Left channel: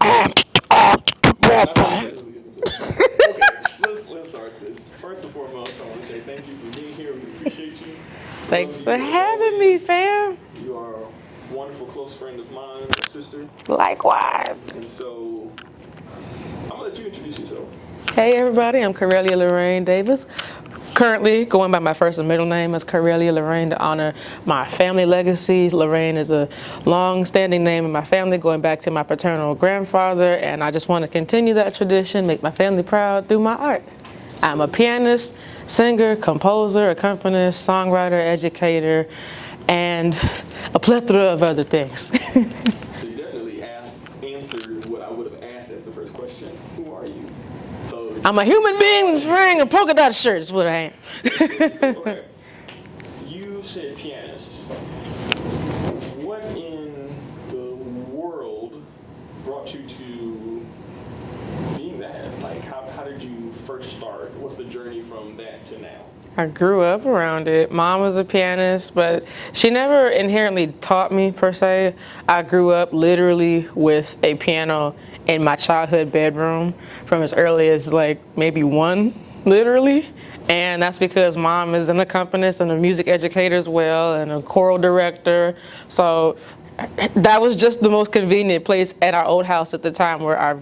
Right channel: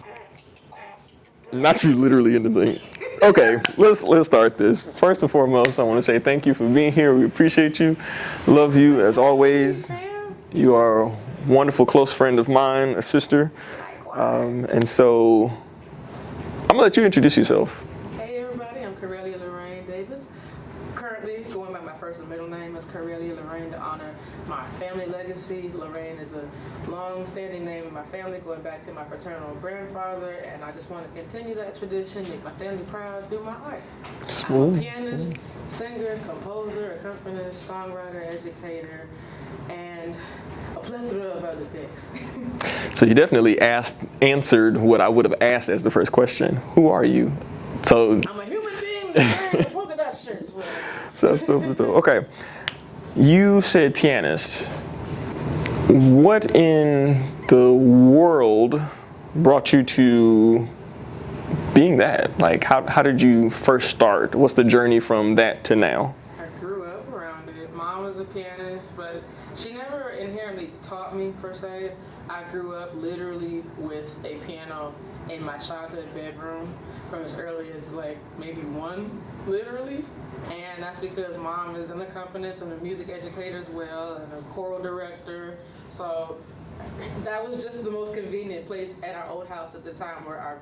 Not too literally into things. Okay, let's start this. First and foremost, I want to say thank you for being here. We appreciate you. Love you as always. Fam. You are a wonderful close friend of mine, a sister. Likewise. And so I'm gonna let you introduce yourself. Hey everybody, I'm Corelia Lorraine Davis. Currently going by my first and middle name as Corelia Lorraine to honor my family legacy. Lorraine is a long-standing name in my family going back to my paternal grandfather, and I just want to continue that tradition, make my family proud through my art. Smooth. I'm a pianist, singer, composer, accompanist, songwriter, educator, and a plethora of other things. So you definitely answered what I would have asked as the first question. Who are you? So I'm a human being wearing a polka dot shirt is what I am. That's dope. Okay. You said pianist. What in the world brought you to being that? Like, how did you first start? What's the journey from that to now? I grew up around it. Mom was a pianist, but she never inherently taught me per se. I grew up literally with a piano in my childhood bedroom from as early as like maybe 1, literally. And that's because Mom is an accompanist and a music educator as well and a choral director. So that was just the most convenient place at our old house at the time, where our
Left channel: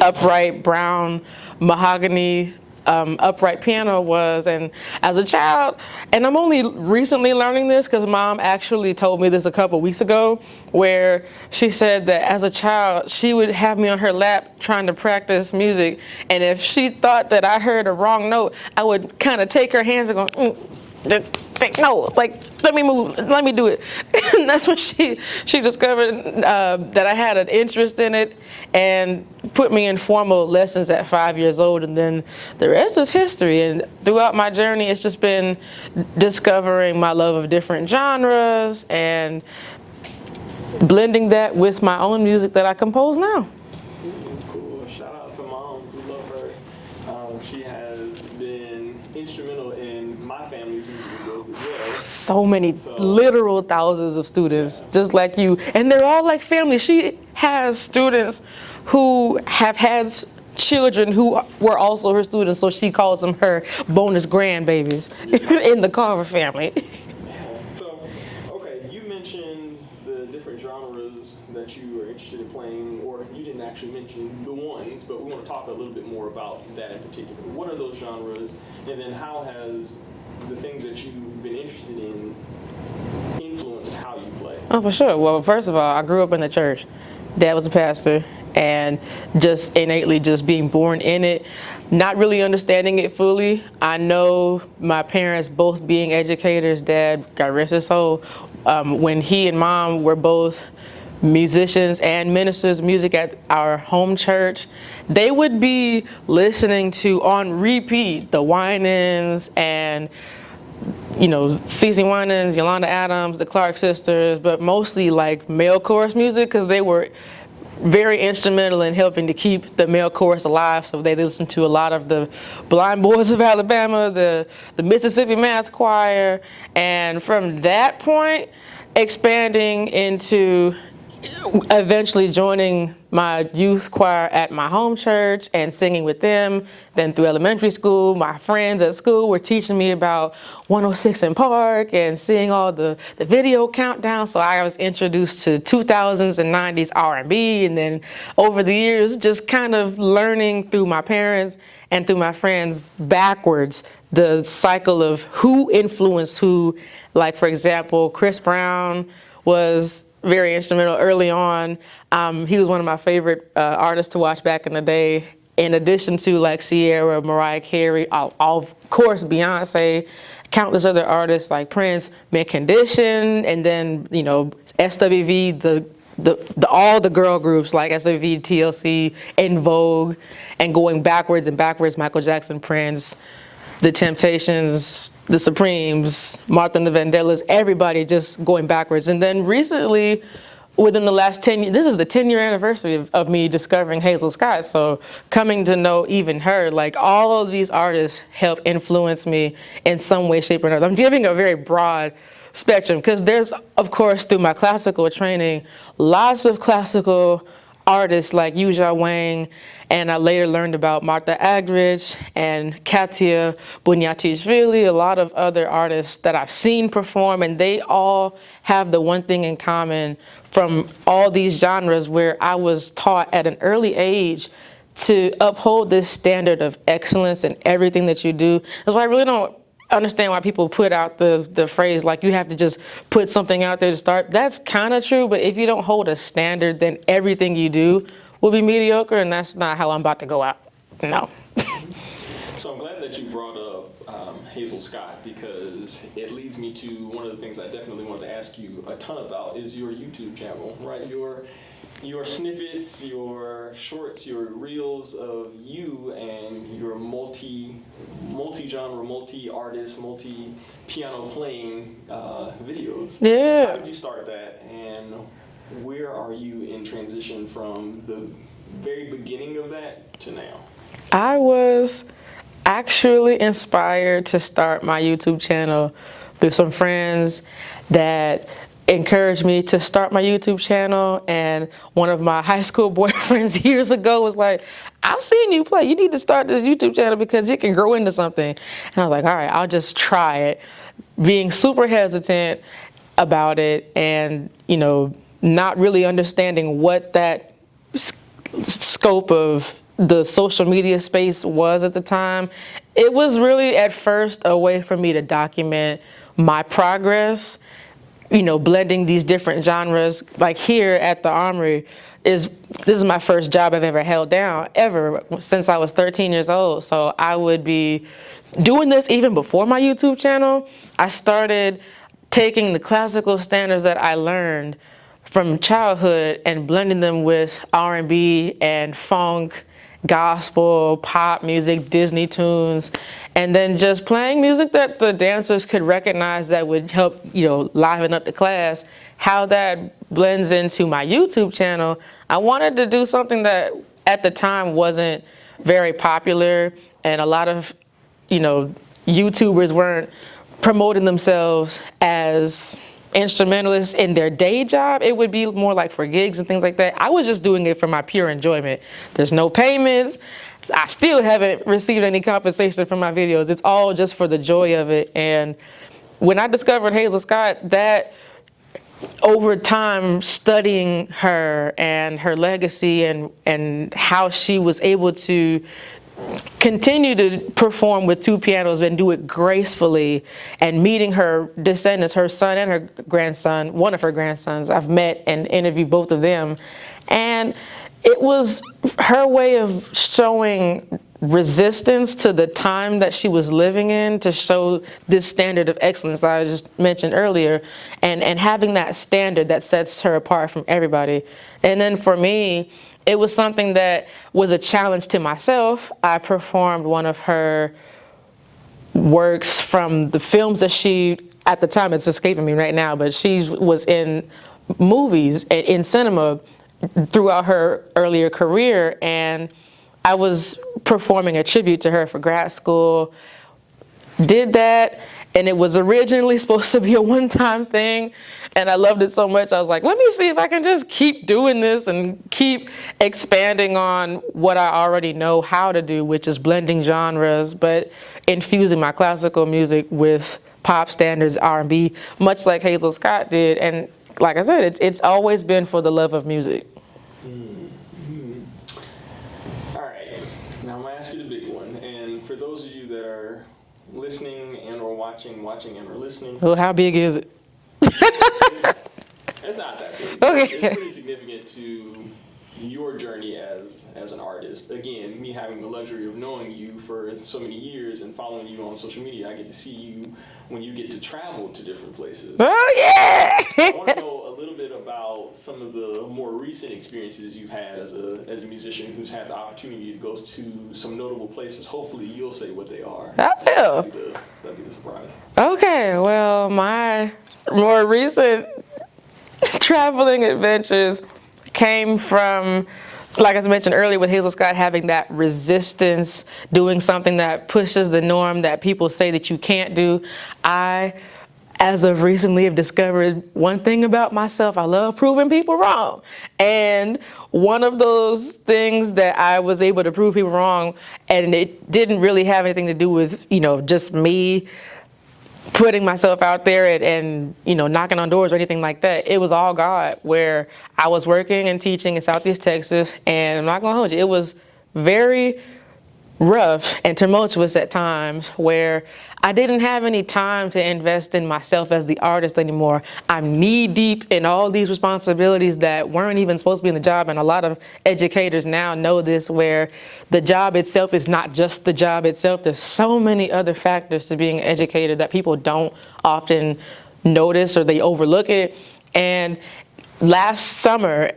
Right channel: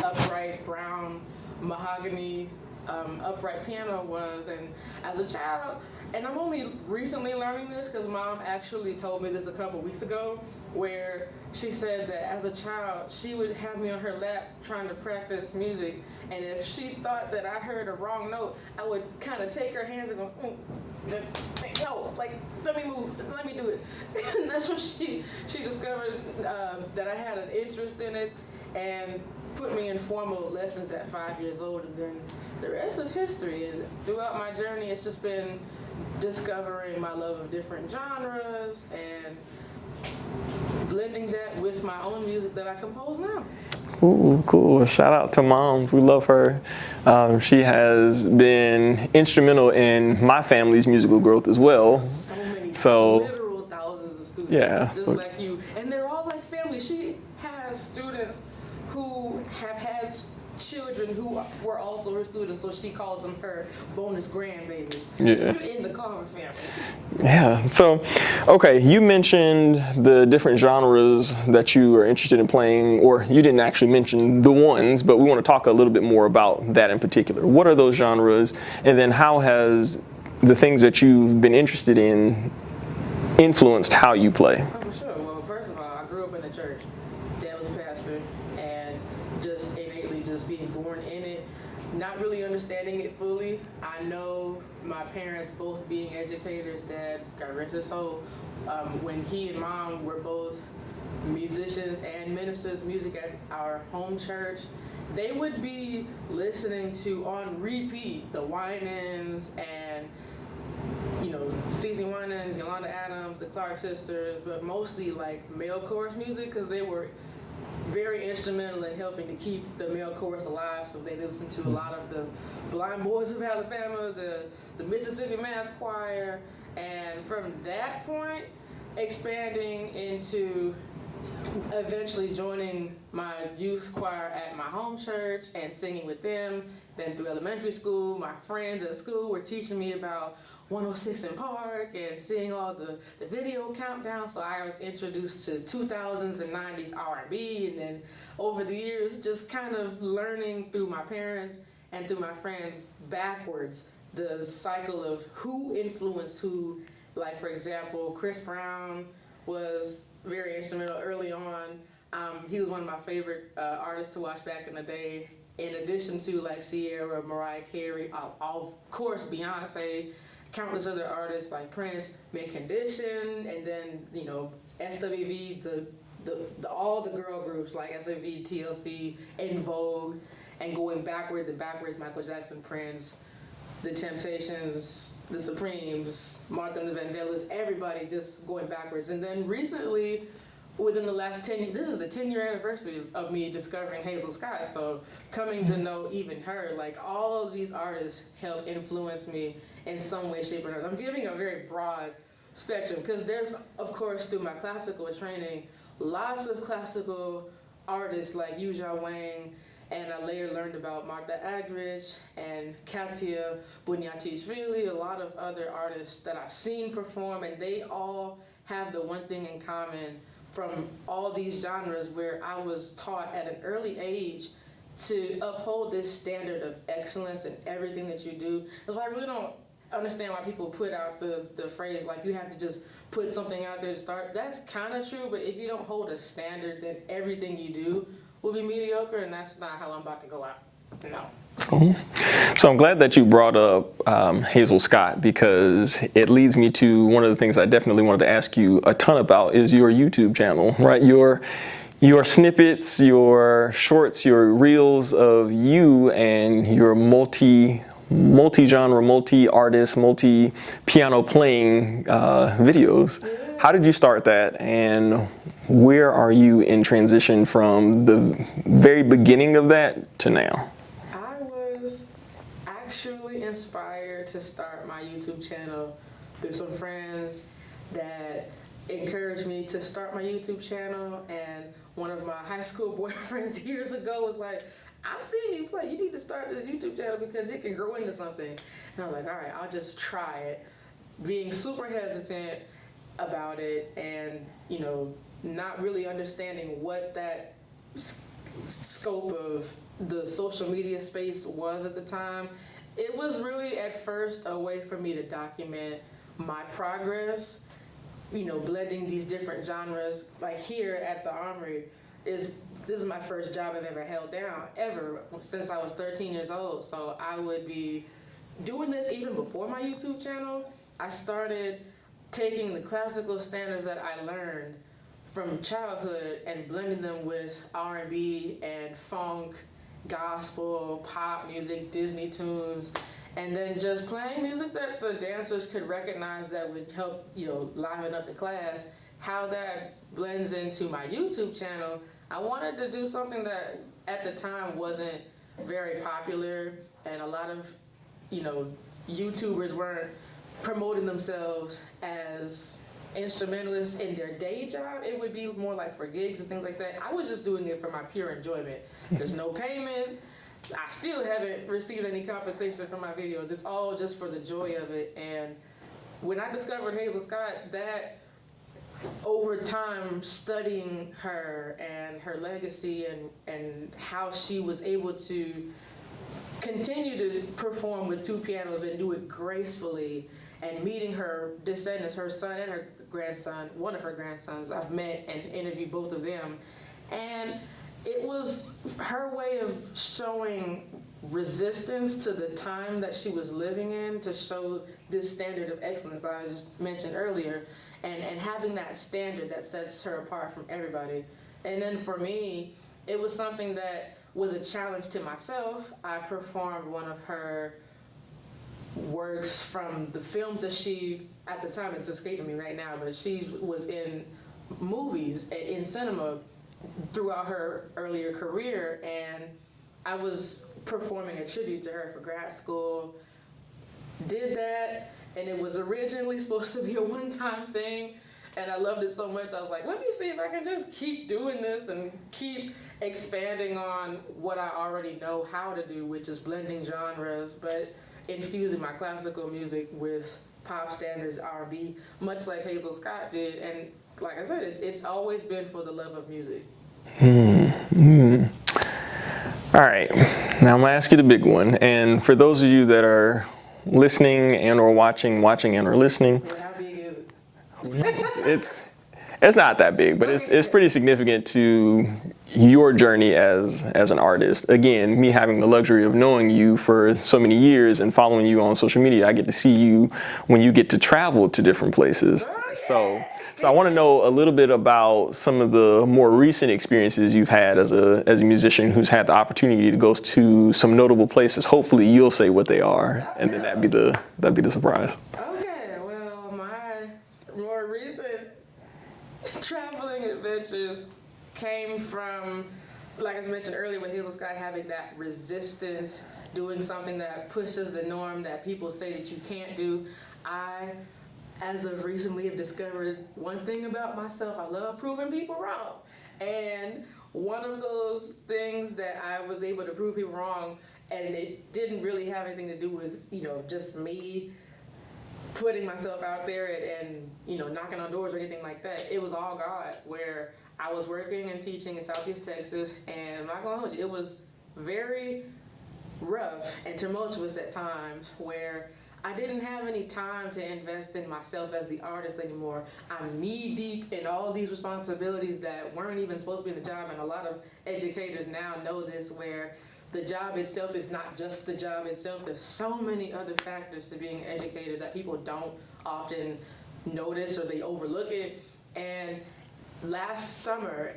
upright brown mahogany upright piano was. And as a child, and I'm only recently learning this because Mom actually told me this a couple weeks ago, where she said that as a child she would have me on her lap trying to practice music, and if she thought that I heard a wrong note, I would kind of take her hands and go, no, like, let me move, let me do it. And that's when she discovered that I had an interest in it and put me in formal lessons at 5 years old. And then the rest is history. And throughout my journey, it's just been discovering my love of different genres and blending that with my own music that I compose now. Ooh, cool. Shout out to Mom. We love her. She has been instrumental in my family's musical growth as well. So many, literal thousands of students, just like you. And they're all like family. She has students who have had children who were also her students, so she calls them her bonus grandbabies in the Carver family. Yeah, so, okay, you mentioned the different genres that you are interested in playing, or you didn't actually mention the ones, but we want to talk a little bit more about that in particular. What are those genres, and then how has the things that you've been interested in influenced how you play? Oh, for sure. Well, first of all, I grew up in the church. Dad was a pastor, and just innately just being born in it, not really understanding it fully. I know my parents both being educators, Dad, God rest his soul, when he and Mom were both musicians and ministers of music at our home church, they would be listening to, on repeat, the Winans and CeCe Winans, Yolanda Adams, the Clark sisters, but mostly like male chorus music, because they were very instrumental in helping to keep the male chorus alive. So they listened to a lot of the Blind Boys of Alabama, the Mississippi Mass Choir, and from that point, expanding into eventually joining my youth choir at my home church and singing with them. Then through elementary school, my friends at school were teaching me about 106 in Park and seeing all the video countdown. So I was introduced to 2000s and 90s R&B, and then over the years, just kind of learning through my parents and through my friends backwards, the cycle of who influenced who. Like, for example, Chris Brown was very instrumental early on. He was one of my favorite artists to watch back in the day, in addition to like Sierra, Mariah Carey, of course Beyonce, countless other artists like Prince, Mint Condition, and then SWV, all the girl groups like SWV, TLC, En Vogue, and going backwards and backwards, Michael Jackson, Prince, The Temptations, The Supremes, Martha and the Vandellas, everybody just going backwards. And then recently, within the last 10 years, this is the 10-year anniversary of me discovering Hazel Scott. So coming to know even her, like all of these artists help influence me in some way, shape, or another. I'm giving a very broad spectrum because there's, of course, through my classical training, lots of classical artists like Yuja Wang, and I later learned about Martha Agridge and Katia Bunyatishvili, a lot of other artists that I've seen perform, and they all have the one thing in common from all these genres where I was taught at an early age to uphold this standard of excellence in everything that you do. That's why I really don't understand why people put out the phrase like you have to just put something out there to start. That's kind of true, but if you don't hold a standard, then everything you do will be mediocre, and that's not how I'm about to go out. No. So I'm glad that you brought up Hazel Scott, because it leads me to one of the things I definitely wanted to ask you a ton about is your YouTube channel, right? Your snippets, your shorts, your reels of you and your multi-genre, multi-artist, multi-piano playing videos. Yeah. How did you start that, and where are you in transition from the very beginning of that to now? I was actually inspired to start my YouTube channel through some friends that encouraged me to start my YouTube channel, and one of my high school boyfriends years ago was like, I've seen you play, you need to start this YouTube channel because it can grow into something. And I was like, all right, I'll just try it, being super hesitant about it, and not really understanding what that scope of the social media space was at the time. It was really at first a way for me to document my progress, blending these different genres. Like here at the Armory, this is my first job I've ever held down, ever, since I was 13 years old. So I would be doing this even before my YouTube channel. I started taking the classical standards that I learned from childhood and blending them with R&B and funk, gospel, pop music, Disney tunes, and then just playing music that the dancers could recognize that would help, liven up the class. How that blends into my YouTube channel, I wanted to do something that at the time wasn't very popular, and a lot of, YouTubers weren't promoting themselves as instrumentalists in their day job. It would be more like for gigs and things like that. I was just doing it for my pure enjoyment. There's no payments. I still haven't received any compensation for my videos. It's all just for the joy of it. And when I discovered Hazel Scott, that over time studying her and her legacy and how she was able to continue to perform with two pianos and do it gracefully, and meeting her descendants, her son and her grandson, one of her grandsons, I've met and interviewed both of them. And it was her way of showing resistance to the time that she was living in, to show this standard of excellence that I just mentioned earlier, and having that standard that sets her apart from everybody. And then for me, it was something that was a challenge to myself. I performed one of her works from the films that she, at the time it's escaping me right now, but she was in movies, in cinema throughout her earlier career, and I was performing a tribute to her for grad school. Did that, and it was originally supposed to be a one-time thing, and I loved it so much, I was like, let me see if I can just keep doing this and keep expanding on what I already know how to do, which is blending genres, but infusing my classical music with pop standards, R&B, much like Hazel Scott did. And like I said, it's always been for the love of music. All right, now I'm gonna ask you the big one. And for those of you that are listening and or watching and or listening. Well, how big is it? It's not that big, but it's pretty significant to your journey as an artist. Again, me having the luxury of knowing you for so many years and following you on social media, I get to see you when you get to travel to different places. Oh yeah! So I want to know a little bit about some of the more recent experiences you've had as a musician who's had the opportunity to go to some notable places. Hopefully you'll say what they are, and that'd be the surprise. Okay, well, my more recent traveling adventures came from, like I mentioned earlier with Hazel Scott, having that resistance, doing something that pushes the norm that people say that you can't do. I as of recently have discovered one thing about myself. I love proving people wrong. And one of those things that I was able to prove people wrong, and it didn't really have anything to do with, just me putting myself out there and knocking on doors or anything like that. It was all God, where I was working and teaching in Southeast Texas, and I'm not gonna hold you, it was very rough and tumultuous at times, where I didn't have any time to invest in myself as the artist anymore. I'm knee deep in all these responsibilities that weren't even supposed to be in the job, and a lot of educators now know this, where the job itself is not just the job itself. There's so many other factors to being an educator that people don't often notice, or they overlook it. And last summer,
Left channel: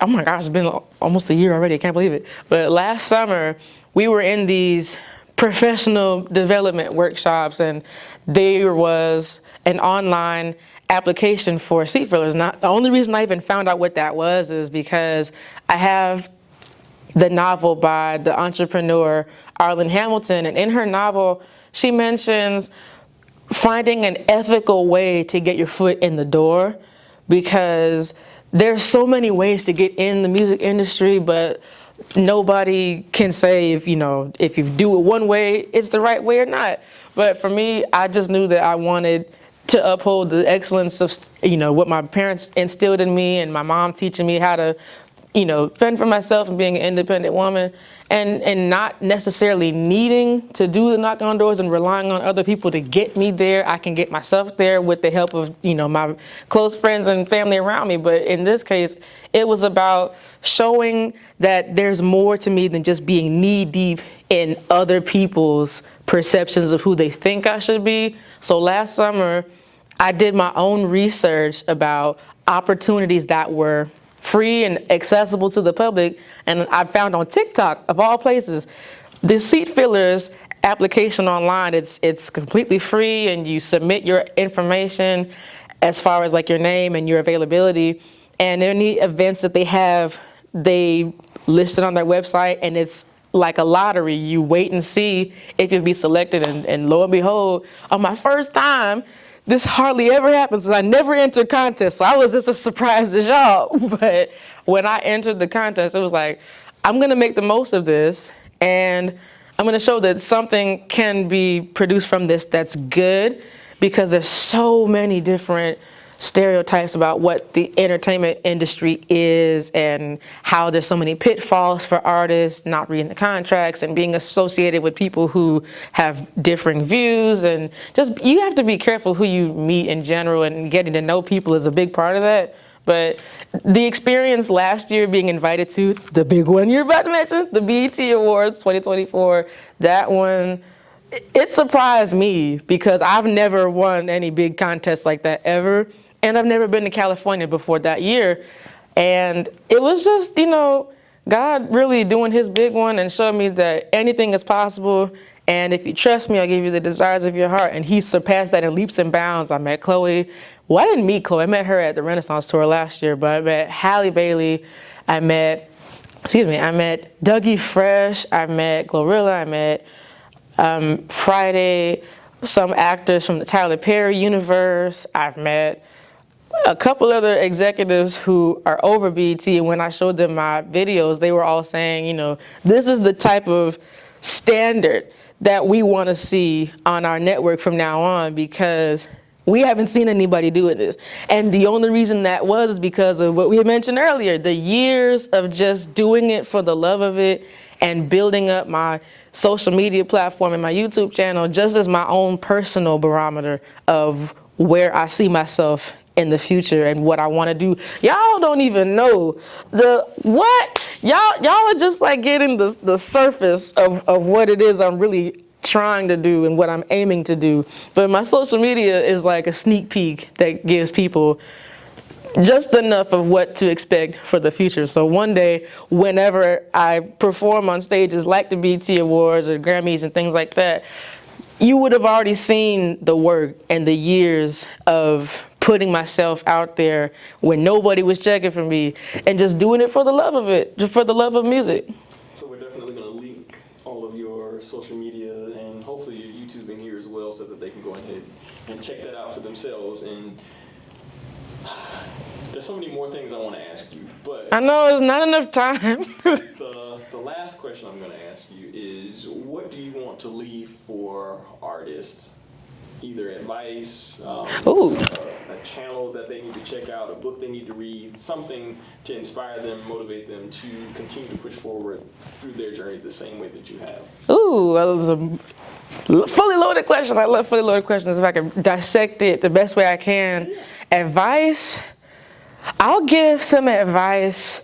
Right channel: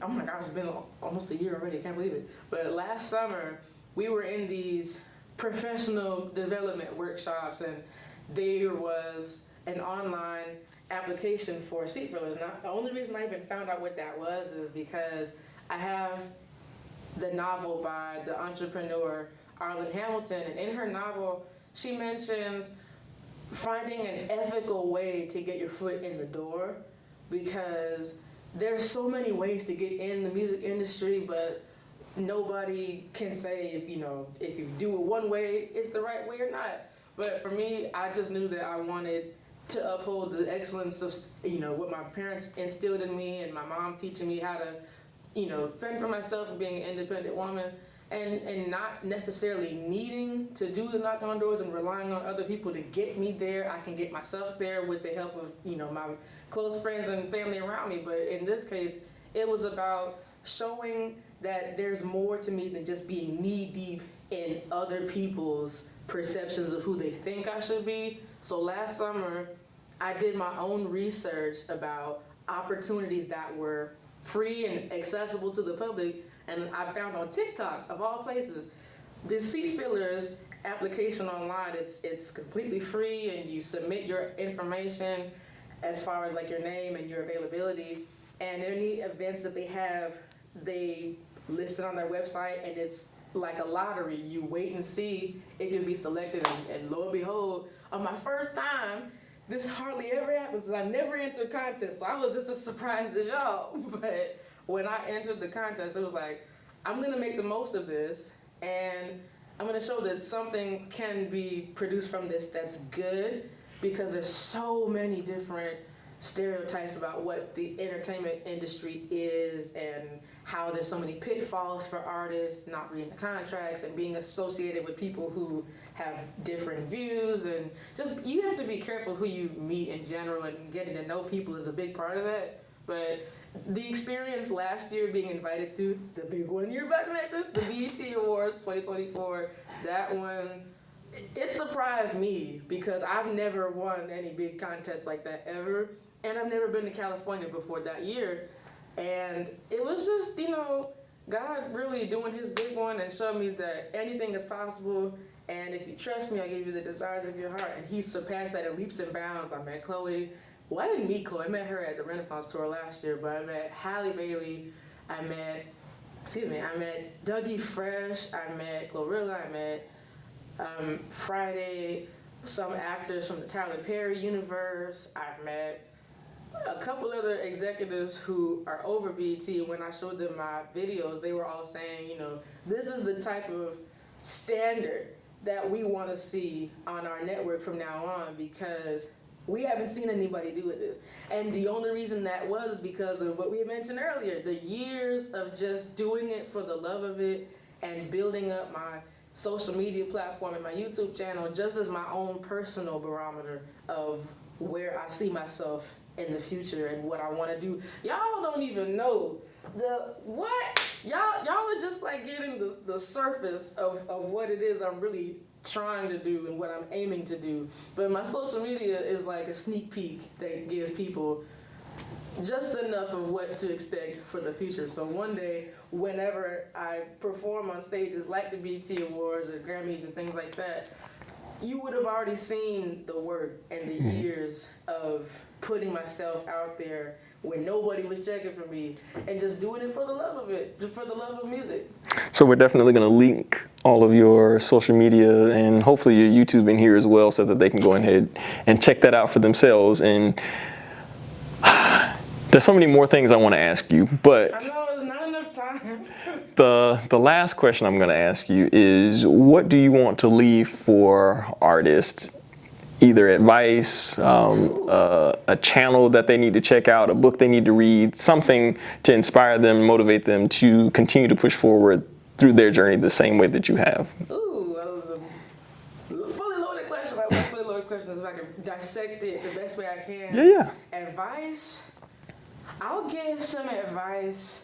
oh my gosh, it's been almost a year already, I can't believe it. But last summer, we were in these professional development workshops, and there was an online application for seat fillers. Now, the only reason I even found out what that was is because I have the novel by the entrepreneur Arlen Hamilton, and in her novel, she mentions finding an ethical way to get your foot in the door, because there's so many ways to get in the music industry, but nobody can say if you do it one way, it's the right way or not. But for me, I just knew that I wanted to uphold the excellence of what my parents instilled in me, and my mom teaching me how to fend for myself and being an independent woman, and not necessarily needing to do the knocking on doors and relying on other people to get me there. I can get myself there with the help of my close friends and family around me. But in this case, it was about showing that there's more to me than just being knee deep in other people's perceptions of who they think I should be. So last summer, I did my own research about opportunities that were free and accessible to the public, and I found on TikTok, of all places, the seat fillers application online. It's completely free, and you submit your information as far as like your name and your availability, and any events that they have, they list it on their website, and it's like a lottery. You wait and see if you'll be selected, and lo and behold, on my first time, this hardly ever happens, because I never enter contests, so I was just as surprised as y'all. But when I entered the contest, it was like, I'm gonna make the most of this, and I'm gonna show that something can be produced from this that's good, because there's so many different stereotypes about what the entertainment industry is, and how there's so many pitfalls for artists not reading the contracts and being associated with people who have differing views, and just you have to be careful who you meet in general, and getting to know people is a big part of that. But the experience last year, being invited to the big one you're about to mention, the BET Awards 2024, that one, it surprised me, because I've never won any big contests like that ever. And I've never been to California before that year. And it was just, God really doing his big one and showing me that anything is possible. And if you trust me, I'll give you the desires of your heart. And he surpassed that in leaps and bounds. I met Chloe. Well, I didn't meet Chloe. I met her at the Renaissance tour last year. But I met Halle Bailey. I met Dougie Fresh. I met Glorilla. I met Friday, some actors from the Tyler Perry universe. I've met a couple other executives who are over BET, and when I showed them my videos, they were all saying, this is the type of standard that we want to see on our network from now on, because we haven't seen anybody doing this. And the only reason that was because of what we had mentioned earlier, the years of just doing it for the love of it, and building up my social media platform and my YouTube channel just as my own personal barometer of where I see myself in the future and what I want to do. Y'all don't even know what y'all are just like getting the surface of what it is I'm really trying to do and what I'm aiming to do. But my social media is like a sneak peek that gives people just enough of what to expect for the future. So one day, whenever I perform on stages like the BET Awards or Grammys and things like that, you would have already seen the work and the years of putting myself out there when nobody was checking for me, and just doing it for the love of it, just for the love of music. So we're definitely going to link all of your social media and hopefully your YouTube in here as well, so that they can go ahead and check that out for themselves. And there's so many more things I want to ask you, but I know it's not enough time. the last question I'm going to ask you is, what do you want to leave for artists? Either advice, a channel that they need to check out, a book they need to read, something to inspire them, motivate them to continue to push forward through their journey the same way that you have. Ooh, that was a fully loaded question. I love fully loaded questions. If I can dissect it the best way I can. Yeah. Advice, I'll give some advice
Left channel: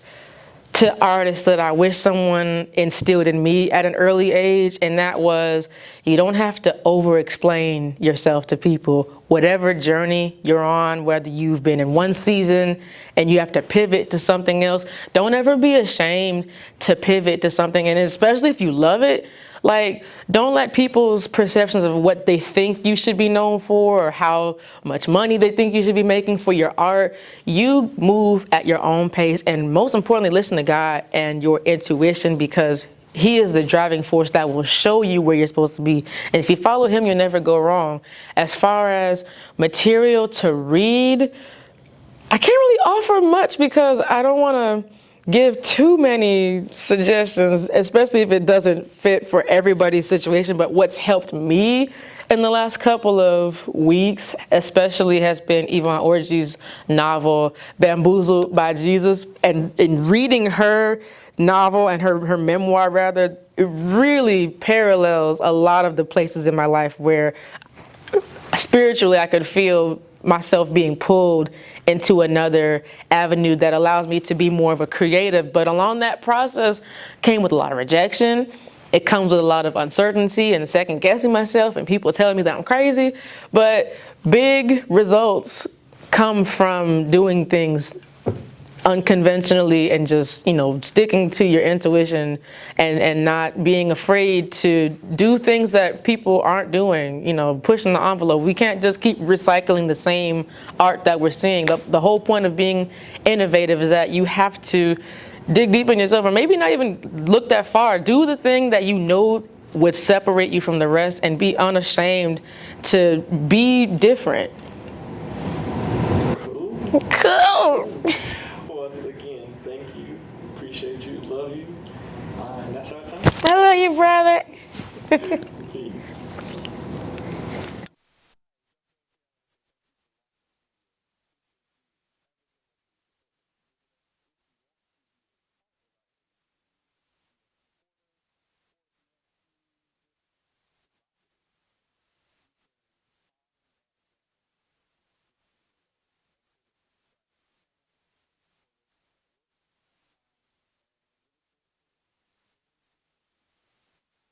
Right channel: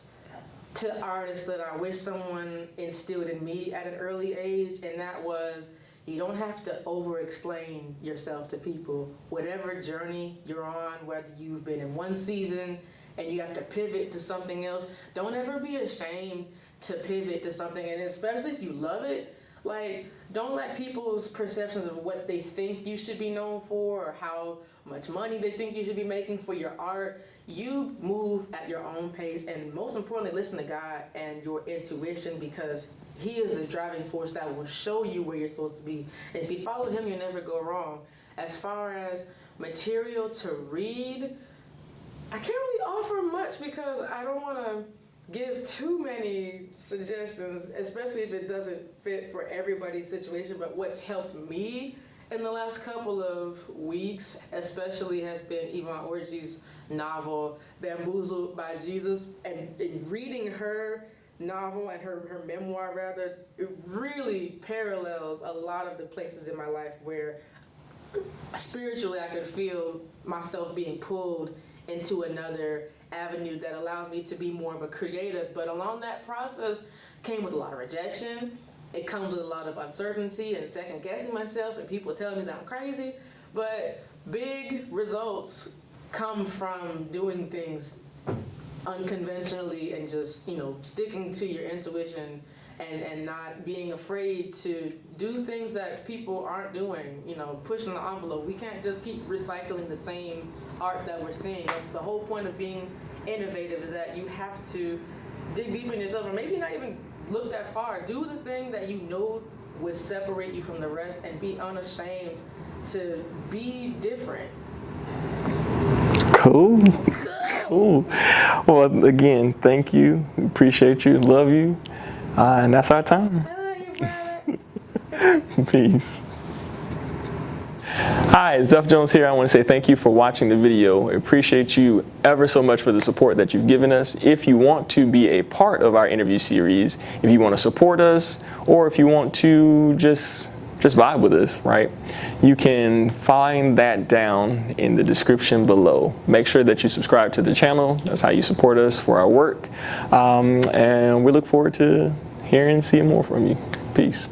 to artists that I wish someone instilled in me at an early age, and that was, you don't have to over-explain yourself to people. Whatever journey you're on, whether you've been in one season and you have to pivot to something else, don't ever be ashamed to pivot to something, and especially if you love it. Like, don't let people's perceptions of what they think you should be known for or how much money they think you should be making for your art. You move at your own pace, and most importantly, listen to God and your intuition, because He is the driving force that will show you where you're supposed to be. And if you follow Him, you'll never go wrong. As far as material to read, I can't really offer much because I don't want to give too many suggestions, especially if it doesn't fit for everybody's situation. But what's helped me in the last couple of weeks, especially, has been Yvonne Orji's novel, Bamboozled by Jesus. And in reading her novel and her memoir, rather, it really parallels a lot of the places in my life where spiritually I could feel myself being pulled into another avenue that allows me to be more of a creative. But along that process came with a lot of rejection. It comes with a lot of uncertainty and second guessing myself and people telling me that I'm crazy. But big results come from doing things unconventionally and just, sticking to your intuition and not being afraid to do things that people aren't doing, pushing the envelope. We can't just keep recycling the same art that we're seeing. The whole point of being innovative is that you have to dig deep in yourself, or maybe not even look that far. Do the thing that you know would separate you from the rest, and be unashamed to be different. Cool. Well, again, thank you. Appreciate you. Love you. And that's our time. I love you, brother. Peace. Hi, Zeph Jones here. I want to say thank you for watching the video. I appreciate you ever so much for the support that you've given us. If you want to be a part of our interview series, if you want to support us, or if you want to just vibe with us, right? You can find that down in the description below. Make sure that you subscribe to the channel. That's how you support us for our work. And we look forward to hearing and seeing more from you. Peace.